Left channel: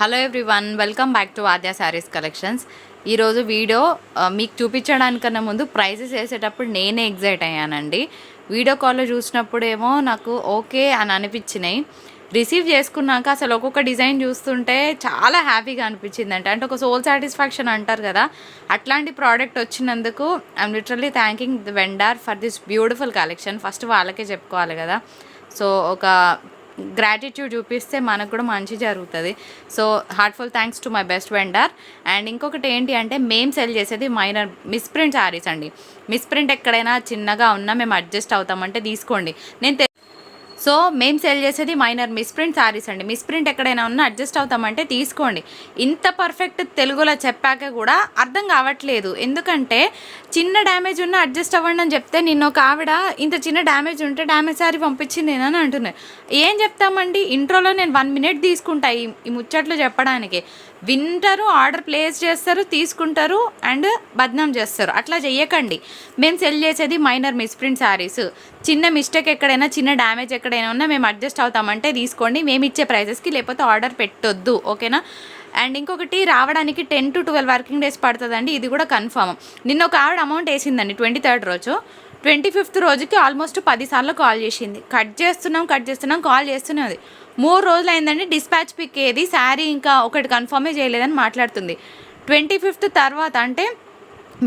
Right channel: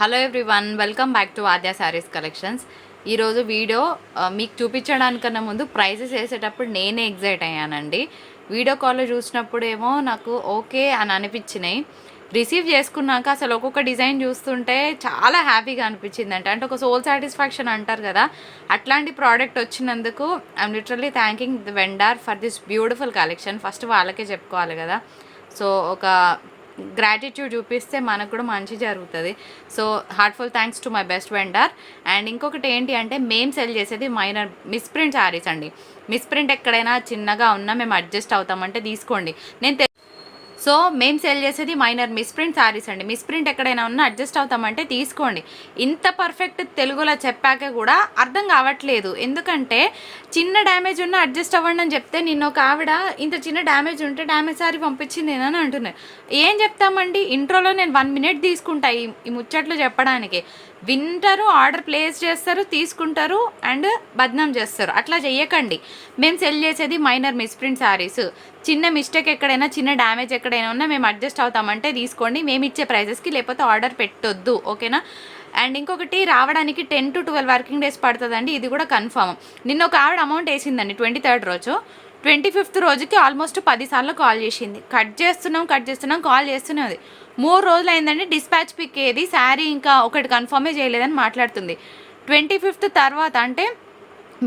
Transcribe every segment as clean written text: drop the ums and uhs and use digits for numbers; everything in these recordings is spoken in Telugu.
Hello everyone, welcome back to Aadya saris collections. ఈరోజు వీడియో మీకు చూపించడానికన్నా ముందు ప్రైజెస్ వేసేటప్పుడు నేనే ఎగ్జైట్ అయ్యానండి. వీడియో కాల్లో చూసినప్పుడేమో నాకు ఓకే అని అనిపించినాయి. రిసీవ్ చేసుకున్నాక అసలు ఒక్కొక్క డిజైన్ చూస్తుంటే చాలా హ్యాపీగా అనిపించింది. అంటే ఒక సోల్ సాటిస్ఫాక్షన్ అంటారు కదా, అట్లాంటి ప్రోడక్ట్ వచ్చినందుకు I'm literally thanking the vendor for this beautiful collection. First వాళ్ళకే చెప్పుకోవాలి కదా. సో ఒక గ్రాటిట్యూడ్ చూపిస్తే మనకు కూడా మంచి జరుగుతుంది. So heartful thanks to my best vendor. And ఇంకొకటి ఏంటి అంటే, మేము సెల్ చేసేది మైనర్ మిస్ప్రింట్ శారీస్ అండి. మిస్ప్రింట్ ఎక్కడైనా చిన్నగా ఉన్నా మేము అడ్జస్ట్ అవుతామంటే తీసుకోండి. సో మేము సేల్ చేసేది మైనర్ మిస్ప్రింట్ శారీస్ అండి. మిస్ప్రింట్ ఎక్కడైనా ఉన్నా అడ్జస్ట్ అవుతామంటే తీసుకోండి. ఇంత పర్ఫెక్ట్ తెలుగులో చెప్పాక కూడా అర్థం కావట్లేదు. ఎందుకంటే చిన్న డ్యామేజ్ ఉన్నా అడ్జస్ట్ అవ్వండి అని చెప్తే, నిన్న ఒక ఆవిడ ఇంత చిన్న డ్యామేజ్ ఉంటే డ్యామేజ్ శారీ పంపించింది అని అంటున్నారు. ఏం చెప్తామండి, ఇంట్రోలో నేను 1 minute తీసుకుంటా ఈ ముచ్చట్లు చెప్పడానికి. వింటారు, ఆర్డర్ ప్లేస్ చేస్తారు, తీసుకుంటారు అండ్ బద్నాం చేస్తారు. అట్లా చెయ్యకండి. మేము సెల్ చేసేది మైనర్ మిస్ప్రింట్ శారీస్. చిన్న మిస్టేక్ ఎక్కడైనా, చిన్న డ్యామేజ్ ఎక్కడైనా ఉన్నా మేము అడ్జస్ట్ అవుతామంటే తీసుకోండి. మేము ఇచ్చే ప్రైజెస్కి, లేకపోతే ఆర్డర్ పెట్టొద్దు, ఓకేనా. అండ్ ఇంకొకటి, రావడానికి 10 to 12 వర్కింగ్ డేస్ పడుతుందండి. ఇది కూడా కన్ఫర్మ్. నిన్న ఒక ఆవిడ అమౌంట్ వేసిందండి 23rd రోజు. 25th రోజుకి ఆల్మోస్ట్ 10 సార్లు కాల్ చేసింది. కట్ చేస్తున్నాం కాల్ చేస్తున్నది. 3 రోజులు అయిందండి. డిస్పాచ్ పిక్ ఏది, శారీ ఇంకా ఒకటి కన్ఫర్మే చేయలేదని మాట్లాడుతుంది. 25th తర్వాత అంటే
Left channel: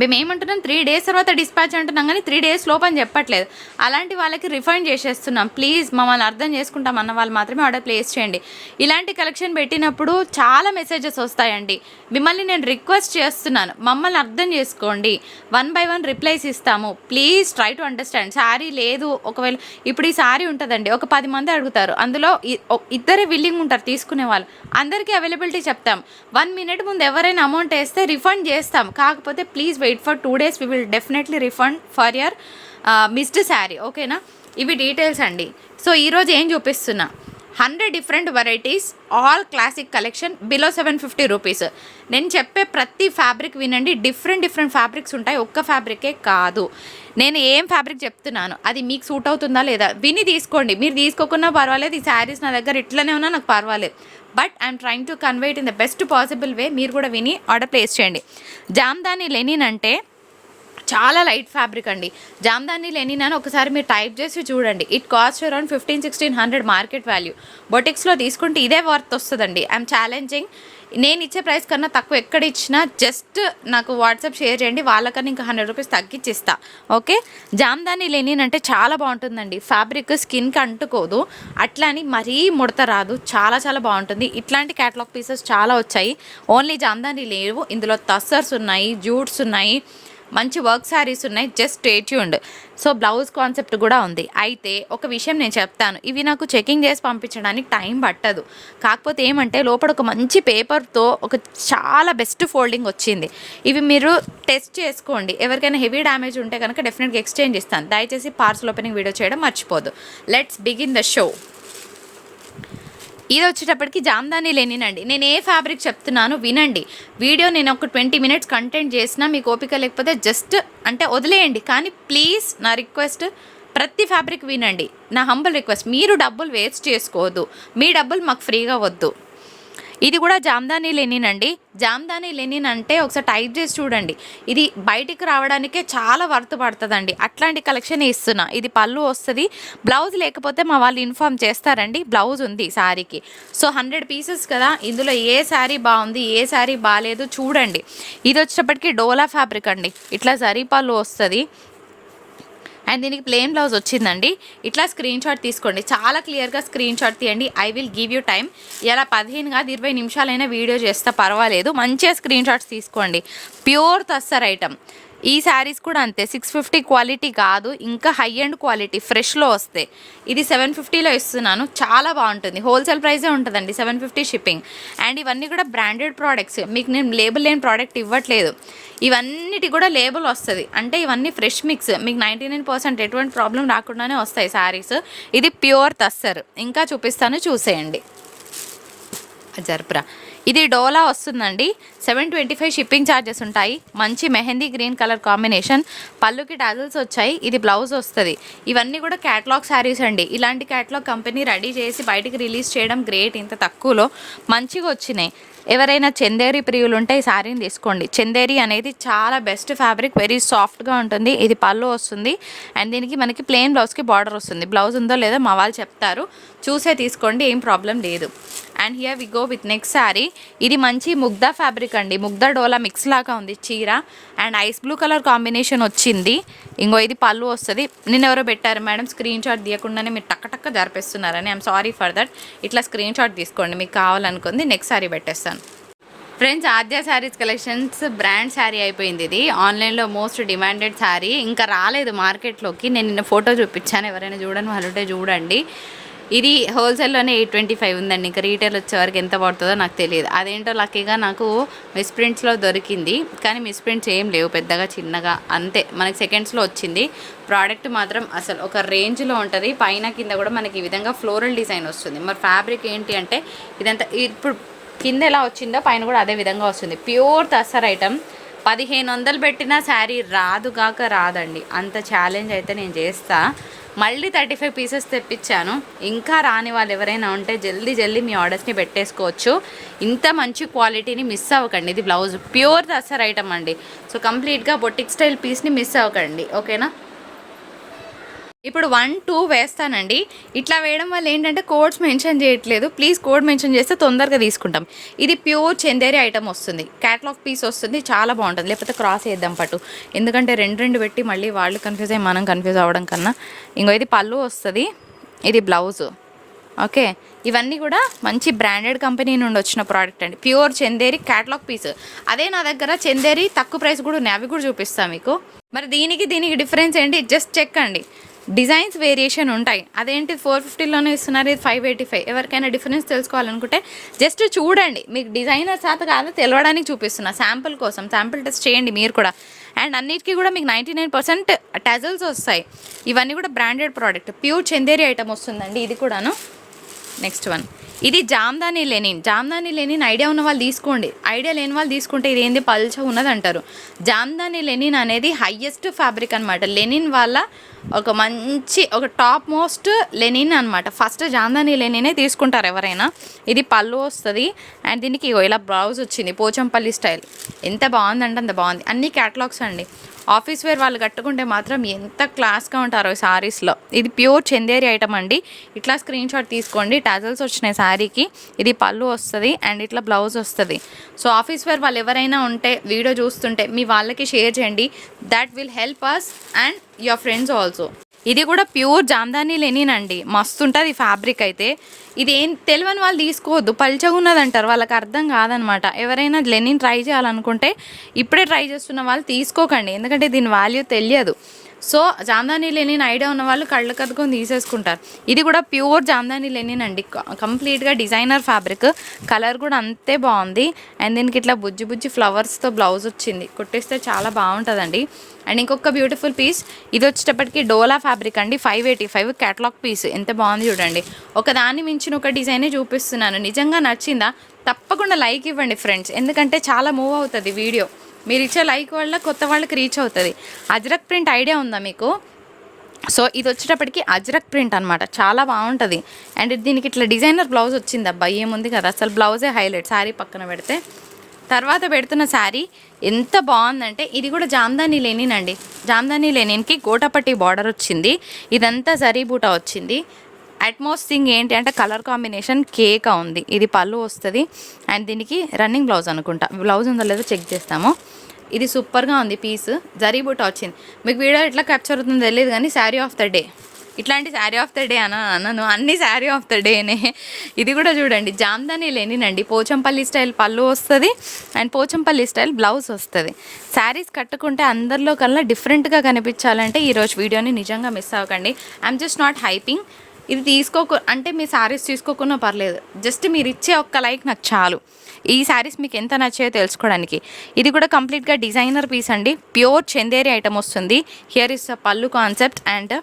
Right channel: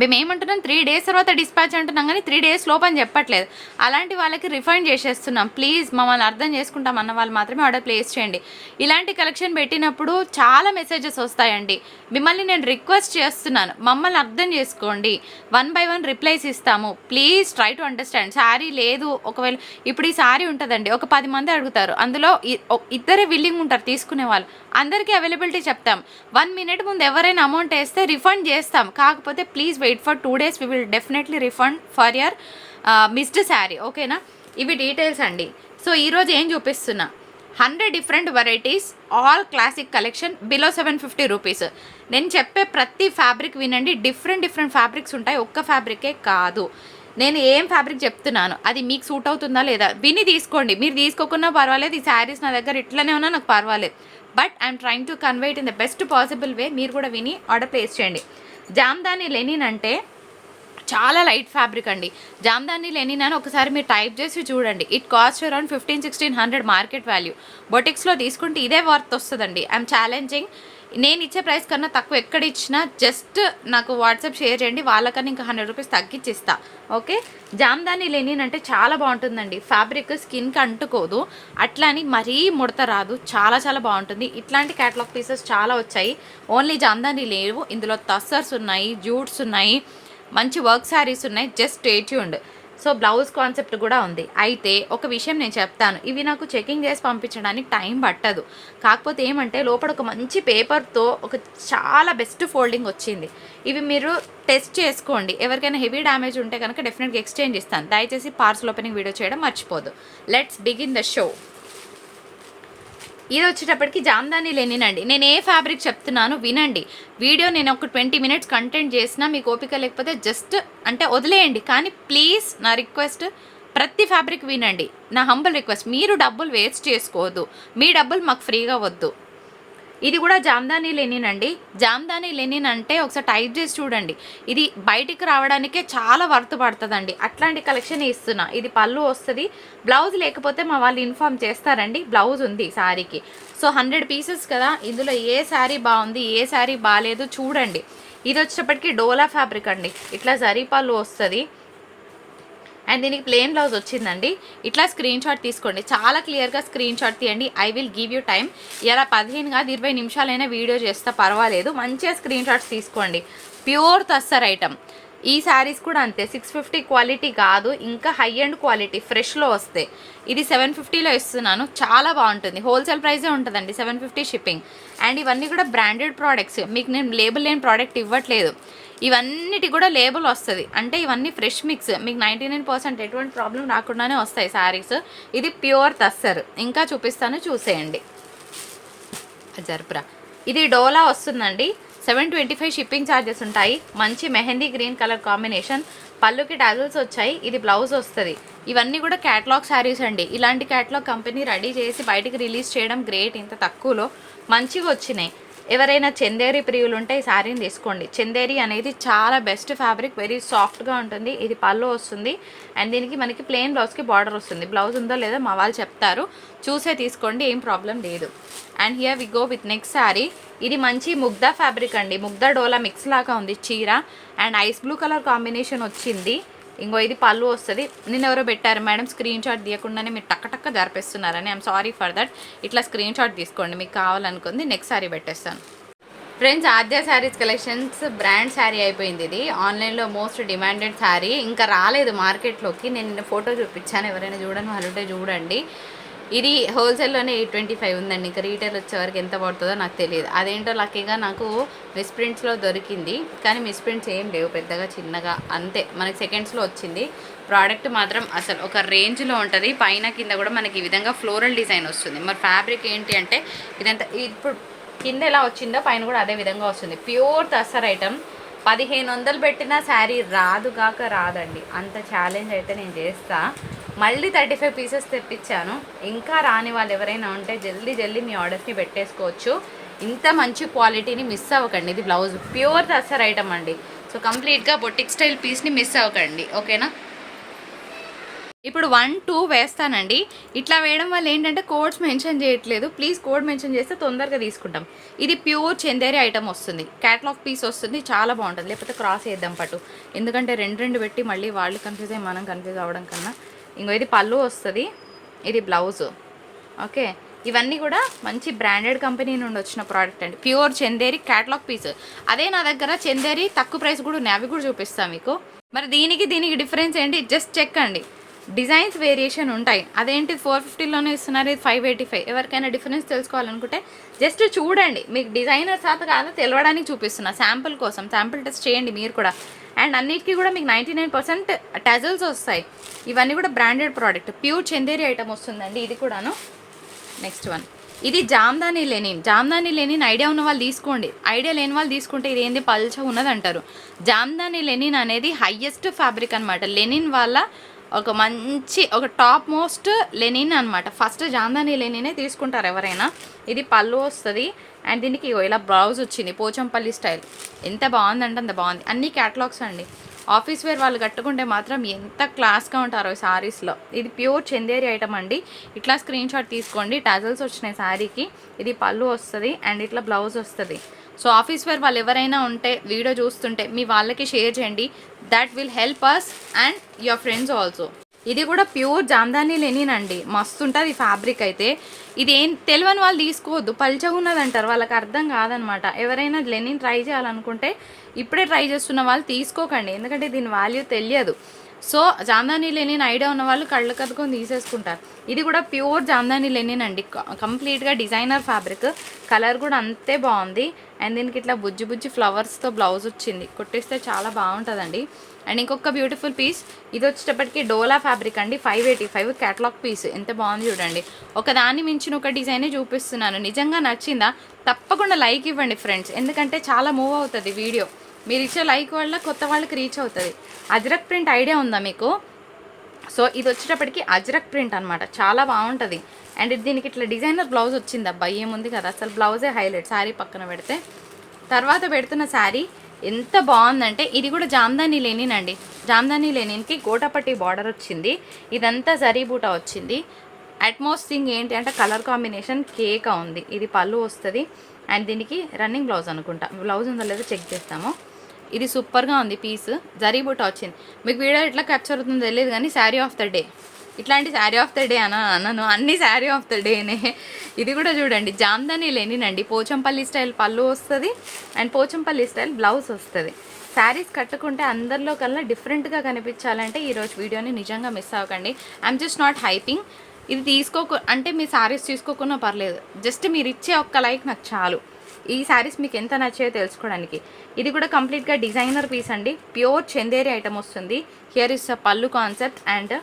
మేము ఏమంటున్నాం, 3 days తర్వాత డిస్పాచ్ అంటున్నాం, కానీ 3 days లోపని చెప్పట్లేదు. అలాంటి వాళ్ళకి రిఫండ్ చేసేస్తున్నాం. ప్లీజ్ మమ్మల్ని అర్థం చేసుకుంటాం అన్న వాళ్ళు మాత్రమే ఆర్డర్ ప్లేస్ చేయండి. ఇలాంటి కలెక్షన్ పెట్టినప్పుడు చాలా మెసేజెస్ వస్తాయండి. మిమ్మల్ని నేను రిక్వెస్ట్ చేస్తున్నాను, మమ్మల్ని అర్థం చేసుకోండి. 1 by 1 రిప్లైస్ ఇస్తాము. Please try to understand. Sari లేదు, ఒకవేళ ఇప్పుడు ఈ శారీ ఉంటుందండి, ఒక 10 మంది అడుగుతారు, అందులో ఇద్దరే విల్లింగ్ ఉంటారు తీసుకునే వాళ్ళు. అందరికీ అవైలబిలిటీ చెప్తాం. 1 minute ముందు ఎవరైనా అమౌంట్ వేస్తే రిఫండ్ చేస్తాం. కాకపోతే please wait for 2 days. We will definitely refund for your missed sari, ఓకేనా. ఇవి డీటెయిల్స్ అండి. సో ఈరోజు ఏం చూపిస్తున్నా, 100 different varieties, all classic collection, below 750 rupees. నేను చెప్పే ప్రతి ఫ్యాబ్రిక్ వినండి. డిఫరెంట్ ఫ్యాబ్రిక్స్ ఉంటాయి, ఒక్క ఫ్యాబ్రికే కాదు. నేను ఏం ఫ్యాబ్రిక్ చెప్తున్నాను అది మీకు సూట్ అవుతుందా లేదా విని తీసుకోండి. మీరు తీసుకోకున్నా పర్వాలేదు, ఈ శారీస్ నా దగ్గర ఇట్లనే ఉన్నా నాకు పర్వాలేదు. But I'm trying to convey it in the best possible way. మీరు కూడా విని ఆర్డర్ ప్లేస్ చేయండి. జామ్దాని లెనిన్ అంటే చాలా లైట్ ఫ్యాబ్రిక్ అండి. జామ్దాని లెనిన్ అని ఒకసారి మీరు టైప్ చేసి చూడండి. It cost around 1500-1600 market value. బొటిక్స్లో తీసుకుంటే ఇదే వర్త్ వస్తుందండి. I'm challenging. నేను ఇచ్చే ప్రైస్ కన్నా తక్కువ ఎక్కడ ఇచ్చినా జస్ట్ నాకు వాట్సాప్ షేర్ చేయండి, వాళ్ళకన్నా ఇంకా 100 రూపీస్ తగ్గించిస్తా, ఓకే. జామ్దాని లెనిన్ అంటే చాలా బాగుంటుందండి. ఫ్యాబ్రిక్ స్కిన్కి అంటుకోదు, అట్లా అని మరీ ముడత రాదు, చాలా బాగుంటుంది. ఇట్లాంటి క్యాటలాగ్ పీసెస్ చాలా వచ్చాయి. ఓన్లీ జామ్దాని లేవు, ఇందులో టస్సర్స్ ఉన్నాయి, జూట్స్ ఉన్నాయి, మంచి వర్క్ శారీస్ ఉన్నాయి. Just stay tuned. So blouse concept కూడా ఉంది. అయితే ఒక విషయం నేను చెప్తాను, ఇవి నాకు చెకింగ్ చేసి పంపించడానికి టైం పట్టదు. కాకపోతే ఏమంటే, లోపల ఒక మంచి పేపర్తో ఒక చాలా బెస్ట్ ఫోల్డింగ్ వచ్చింది. ఇవి మీరు టెస్ట్ చేసుకోండి. ఎవరికైనా హెవీ డ్యామేజ్ ఉంటే కనుక డెఫినెట్గా ఎక్స్చేంజ్ ఇస్తాను. దయచేసి పార్సల్ ఓపెనింగ్ వీడియో చేయడం మర్చిపోదు. Let's begin the show. ఇది వచ్చేటప్పటికి జామ్దాని లెనిన్ అండి. నేను ఏ ఫ్యాబ్రిక్ చెప్తున్నాను వినండి. వీడియో నేను ఒక 20 minutes కంటెంట్ చేసినా మీకు ఓపిక లేకపోతే జస్ట్ అంటే వదిలేయండి. కానీ ప్లీజ్ నా రిక్వెస్ట్, ప్రతి ఫ్యాబ్రిక్ వినండి. నా హంబల్ రిక్వెస్ట్. మీరు డబ్బులు వేస్ట్ చేసుకోవద్దు, మీ డబ్బులు మాకు ఫ్రీగా వద్దు. ఇది కూడా జామ్దాని లెనిన్ అండి. జామ్దాని లెనిన్ అంటే ఒకసారి టైప్ చేసి చూడండి. ఇది బయటికి రావడానికే చాలా వర్త్ పడుతుందండి. అట్లాంటి కలెక్షన్ ఇస్తున్నా. ఇది పళ్ళు వస్తుంది. బ్లౌజ్ లేకపోతే మా వాళ్ళు ఇన్ఫార్మ్ చేస్తారండి. బ్లౌజ్ ఉంది శారీకి. సో 100 pieces కదా, ఇందులో ఏ శారీ బాగుంది, ఏ శారీ బాగాలేదు చూడండి. ఇది వచ్చేటప్పటికి డోలా ఫ్యాబ్రిక్ అండి. ఇట్లా జరీ పళ్ళు వస్తుంది అండ్ దీనికి ప్లెయిన్ బ్లౌజ్ వచ్చిందండి. ఇట్లా స్క్రీన్ షాట్ తీసుకోండి. చాలా క్లియర్గా స్క్రీన్ షాట్ తీయండి. I will give you time. ఇలా 15 కాదు 20 నిమిషాలైనా వీడియో చేస్తా, పర్వాలేదు. మంచిగా స్క్రీన్ షాట్స్ తీసుకోండి. Pure tussar item. ఈ శారీస్ కూడా అంతే. 650 క్వాలిటీ కాదు, ఇంకా హై అండ్ క్వాలిటీ ఫ్రెష్లో వస్తాయి. ఇది 750లో ఇస్తున్నాను. చాలా బాగుంటుంది. హోల్సేల్ ప్రైజే ఉంటుందండి, 750 షిప్పింగ్. అండ్ ఇవన్నీ కూడా బ్రాండెడ్ ప్రోడక్ట్స్. మీకు నేను లేబుల్ లేని ప్రోడక్ట్ ఇవ్వట్లేదు. ఇవన్నిటి కూడా లేబుల్ వస్తుంది. అంటే ఇవన్నీ ఫ్రెష్ మిక్స్. మీకు 99% ఎటువంటి ప్రాబ్లం రాకుండానే వస్తాయి శారీస్. ఇది ప్యూర్ తస్సర్. ఇంకా చూపిస్తాను, చూసేయండి. జర్పురా. ఇది డోలా వస్తుందండి. 725 షిప్పింగ్ ఛార్జెస్ ఉంటాయి. మంచి మెహందీ గ్రీన్ కలర్ కాంబినేషన్, పళ్ళుకి టాజల్స్ వచ్చాయి. ఇది బ్లౌజ్ వస్తుంది. ఇవన్నీ కూడా క్యాటలాగ్ శారీస్ అండి. ఇలాంటి క్యాటలాగ్ కంపెనీ రెడీ చేసి బయటికి రిలీజ్ చేయడం గ్రేట్. ఇంత తక్కువలో మంచిగా వచ్చినాయి. ఎవరైనా చందేరి ప్రియులు ఉంటే ఈ శారీని తీసుకోండి. చందేరి అనేది చాలా బెస్ట్ ఫ్యాబ్రిక్, వెరీ సాఫ్ట్గా ఉంటుంది. ఇది పళ్ళు వస్తుంది అండ్ దీనికి మనకి ప్లెయిన్ బ్లౌజ్కి బార్డర్ వస్తుంది. బ్లౌజ్ ఉందో లేదో మా వాళ్ళు చెప్తారు, చూసే తీసుకోండి, ఏం ప్రాబ్లం లేదు. And here we go with next sari. ఇది మంచి ముగ్ధా ఫ్యాబ్రిక్ అండి. ముగ్ధా డోలా మిక్స్ లాగా ఉంది చీర and ice blue colour combination వచ్చింది. ఇంకో ఇది పళ్ళు వస్తుంది. నిన్న ఎవరో పెట్టారు మేడం స్క్రీన్ షాట్ తీయకుండానే మీరు టక్క జరిపిస్తున్నారని. I'm sorry for that. ఇట్లా స్క్రీన్ షాట్ తీసుకోండి మీకు కావాలనుకుంది. నెక్స్ట్ శారీ పెట్టేస్తాను. Friends, Aadya saris collections brand sari అయిపోయింది. ఇది ఆన్లైన్లో మోస్ట్ డిమాండెడ్ శారీ, ఇంకా రాలేదు మార్కెట్లోకి. నేను నిన్న ఫోటో చూపించాను, ఎవరైనా చూడని వాళ్ళుంటే చూడండి. ఇది హోల్సేల్లోనే 825 ఉందండి. ఇంకా రీటైల్ వచ్చేవరకు ఎంత పడుతుందో నాకు తెలియదు. అదేంటో లక్కీగా నాకు మిస్ప్రింట్స్లో దొరికింది, కానీ మిస్ప్రింట్స్ ఏం లేవు, పెద్దగా చిన్నగా అంతే. మనకి సెకండ్స్లో వచ్చింది. ప్రోడక్ట్ మాత్రం అసలు ఒక రేంజ్లో ఉంటుంది. పైన కింద కూడా మనకి ఈ విధంగా ఫ్లోరల్ డిజైన్ వస్తుంది. మరి ఫ్యాబ్రిక్ ఏంటి అంటే ఇదంతా ఇప్పుడు కింద ఎలా వచ్చిందో పైన కూడా అదే విధంగా వస్తుంది. Pure tussar item. 1500 పెట్టిన శారీ రాదండి. అంత ఛాలెంజ్ అయితే నేను చేస్తా. మళ్ళీ 35 పీసెస్ తెప్పించాను. ఇంకా రాని వాళ్ళు ఎవరైనా ఉంటే జల్దీ మీ ఆర్డర్స్ని పెట్టేసుకోవచ్చు. ఇంత మంచి క్వాలిటీని మిస్ అవ్వకండి. ఇది బ్లౌజ్ ప్యూర్ తస్సర్ ఐటమ్ అండి. సో కంప్లీట్గా బొటిక్ స్టైల్ పీస్ని మిస్ అవ్వకండి, ఓకేనా. ఇప్పుడు 1, 2 వేస్తానండి. ఇట్లా వేయడం వల్ల ఏంటంటే కోడ్స్ మెన్షన్ చేయట్లేదు. ప్లీజ్ కోడ్ మెన్షన్ చేస్తే తొందరగా తీసుకుంటాం. ఇది ప్యూర్ చందేరి ఐటమ్ వస్తుంది. క్యాటలాగ్ పీస్ వస్తుంది, చాలా బాగుంటుంది. లేకపోతే క్రాస్ చేద్దాం పట్టు, ఎందుకంటే రెండు పెట్టి మళ్ళీ వాళ్ళు కన్ఫ్యూజ్ అయ్యి మనం కన్ఫ్యూజ్ అవ్వడం కన్నా. ఇంకో ఇది పళ్ళు వస్తుంది, ఇది బ్లౌజ్, ఓకే. ఇవన్నీ కూడా మంచి బ్రాండెడ్ కంపెనీ నుండి వచ్చిన ప్రోడక్ట్ అండి. Pure Chanderi catalogue piece. అదే నా దగ్గర చందేరి తక్కువ ప్రైస్ కూడా ఉన్నాయి, అవి కూడా చూపిస్తాను మీకు. మరి దీనికి డిఫరెన్స్ ఏంటి జస్ట్ చెక్ అండి. డిజైన్స్ వేరియేషన్ ఉంటాయి. అదేంటి 450లోనే ఇస్తున్నారు, ఇది 585. ఎవరికైనా డిఫరెన్స్ తెలుసుకోవాలనుకుంటే జస్ట్ చూడండి. మీకు డిజైనర్ శాత కాదు తెలవడానికి చూపిస్తున్నా, శాంపుల్ కోసం. శాంపుల్ టెస్ట్ చేయండి మీరు కూడా. అండ్ అన్నిటికీ కూడా మీకు 99% టజల్స్ వస్తాయి. ఇవన్నీ కూడా branded product. Pure Chanderi item వస్తుందండి ఇది కూడాను. నెక్స్ట్ వన్, ఇది జామ్దాని లెనిన్ ఐడియా ఉన్న వాళ్ళు తీసుకోండి. ఐడియా లేని వాళ్ళు తీసుకుంటే ఇది ఏంది పల్చ ఉన్నది అంటారు. జామ్దాని లెనిన్ అనేది హయ్యెస్ట్ ఫ్యాబ్రిక్ అనమాట. లెనిన్ వాళ్ళ ఒక టాప్ మోస్ట్ లెనిన్ అనమాట. ఫస్ట్ జామ్దాని లెనినే తీసుకుంటారు ఎవరైనా. ఇది పళ్ళు వస్తుంది అండ్ దీనికి ఇలా బ్లౌజ్ వచ్చింది పోచంపల్లి స్టైల్. ఎంత బాగుందంటే అంత బాగుంది. అన్ని క్యాటలాగ్స్ అండి. ఆఫీస్ వేర్ వాళ్ళు కట్టుకుంటే మాత్రం ఎంత క్లాస్గా ఉంటారో శారీస్లో. ఇది ప్యూర్ చందేరి ఐటమ్ అండి. ఇట్లా స్క్రీన్ షాట్ తీసుకోండి. టాజల్స్ వచ్చినాయి శారీకి. ఇది పళ్ళు వస్తుంది అండ్ ఇట్లా బ్లౌజ్ వస్తుంది. సో ఆఫీస్ వేర్ వాళ్ళు ఎవరైనా ఉంటే వీడియో చూస్తుంటే మీ వాళ్ళకి షేర్ చేయండి. That will help us and your friends also. ఇది కూడా ప్యూర్ జామ్దాని లెనిన్ అండి. మస్తు ఉంటుంది ఈ ఫ్యాబ్రిక్ అయితే. ఇది ఏం తెలియని వాళ్ళు తీసుకోవద్దు, పల్చగా ఉన్నదంటారు, వాళ్ళకి అర్థం కాదనమాట. ఎవరైనా లెనిన్ ట్రై చేయాలనుకుంటే ఇప్పుడే ట్రై చేస్తున్న వాళ్ళు తీసుకోకండి, ఎందుకంటే దీని వాల్యూ తెలియదు. సో జామ్దాని లెనిన్ ఐడియా ఉన్న వాళ్ళు కళ్ళు కదుకొని తీసేసుకుంటారు. ఇది కూడా ప్యూర్ జామ్దాని లెనిన్ అండి. కంప్లీట్గా డిజైనర్ ఫ్యాబ్రిక్. కలర్ కూడా అంతే బాగుంది. అండ్ దీనికి ఇట్లా బుజ్జి ఫ్లవర్స్తో బ్లౌజ్ వచ్చింది. కుట్టిస్తే చాలా బాగుంటుందండి. అండ్ ఇంకొక బ్యూటిఫుల్ పీస్, ఇది వచ్చేటప్పటికి డోలా ఫ్యాబ్రిక్ అండి. 585 క్యాటలాగ్ పీస్. ఎంత బాగుంది చూడండి. ఒకదాన్ని మించిన ఒక డిజైనే చూపిస్తున్నాను. నిజంగా నచ్చిందా? తప్పకుండా లైక్ ఇవ్వండి ఫ్రెండ్స్, ఎందుకంటే చాలా మూవ్ అవుతుంది వీడియో. మీరు ఇచ్చే లైక్ వల్ల కొత్త వాళ్ళకి రీచ్ అవుతుంది. అజ్రక్ ప్రింట్ ఐడియా ఉందా మీకు? సో ఇది వచ్చేటప్పటికి అజ్రక్ ప్రింట్ అనమాట. చాలా బాగుంటుంది. అండ్ దీనికి ఇట్లా డిజైనర్ బ్లౌజ్ వచ్చింది. అబ్బా ఏముంది కదా, అసలు బ్లౌజే హైలైట్. శారీ పక్కన పెడితే తర్వాత పెడుతున్న శారీ ఎంత బాగుందంటే ఇది కూడా జామ్దాని లెనిన్ అండి. జామ్దాని లెనిన్కి గోటపట్టి బార్డర్ వచ్చింది. ఇదంతా జరీ బూటా వచ్చింది. అట్మోస్ట్ థింగ్ ఏంటి అంటే కలర్ కాంబినేషన్ కేక్ ఉంది. ఇది పళ్ళు వస్తుంది అండ్ దీనికి రన్నింగ్ బ్లౌజ్ అనుకుంటా. బ్లౌజ్ ఉందో లేదో చెక్ చేస్తాము. ఇది సూపర్గా ఉంది పీస్. జరీ బూటా వచ్చింది. మీకు వీడియో ఎట్లా క్యాప్చర్ అవుతుందో తెలియదు కానీ శారీ ఆఫ్ ద డే. ఇట్లాంటి శారీ ఆఫ్ ద డే అన్నాను, అన్ని శారీ ఆఫ్ ద డేనే. ఇది కూడా చూడండి జామ్దాని లెనిన్ అండి. పోచంపల్లి స్టైల్ పళ్ళు వస్తుంది అండ్ పోచంపల్లి స్టైల్ బ్లౌజ్ వస్తుంది. శారీస్ కట్టుకుంటే అందరిలో కల్లా డిఫరెంట్గా కనిపించాలంటే ఈరోజు వీడియోని నిజంగా మిస్ అవ్వకండి. I'm just not hyping. ఇది అంటే మీ శారీస్ తీసుకోకున్నా పర్లేదు, జస్ట్ మీరు ఇచ్చే ఒక్క లైక్ నాకు చాలు. ఈ శారీస్ మీకు ఎంత నచ్చాయో తెలుసుకోవడానికి. ఇది కూడా కంప్లీట్గా డిజైనర్ పీస్ అండి. ప్యూర్ చందేరి ఐటమ్ వస్తుంది. హియర్ ఇస్ అ పళ్ళు కాన్సెప్ట్ అండ్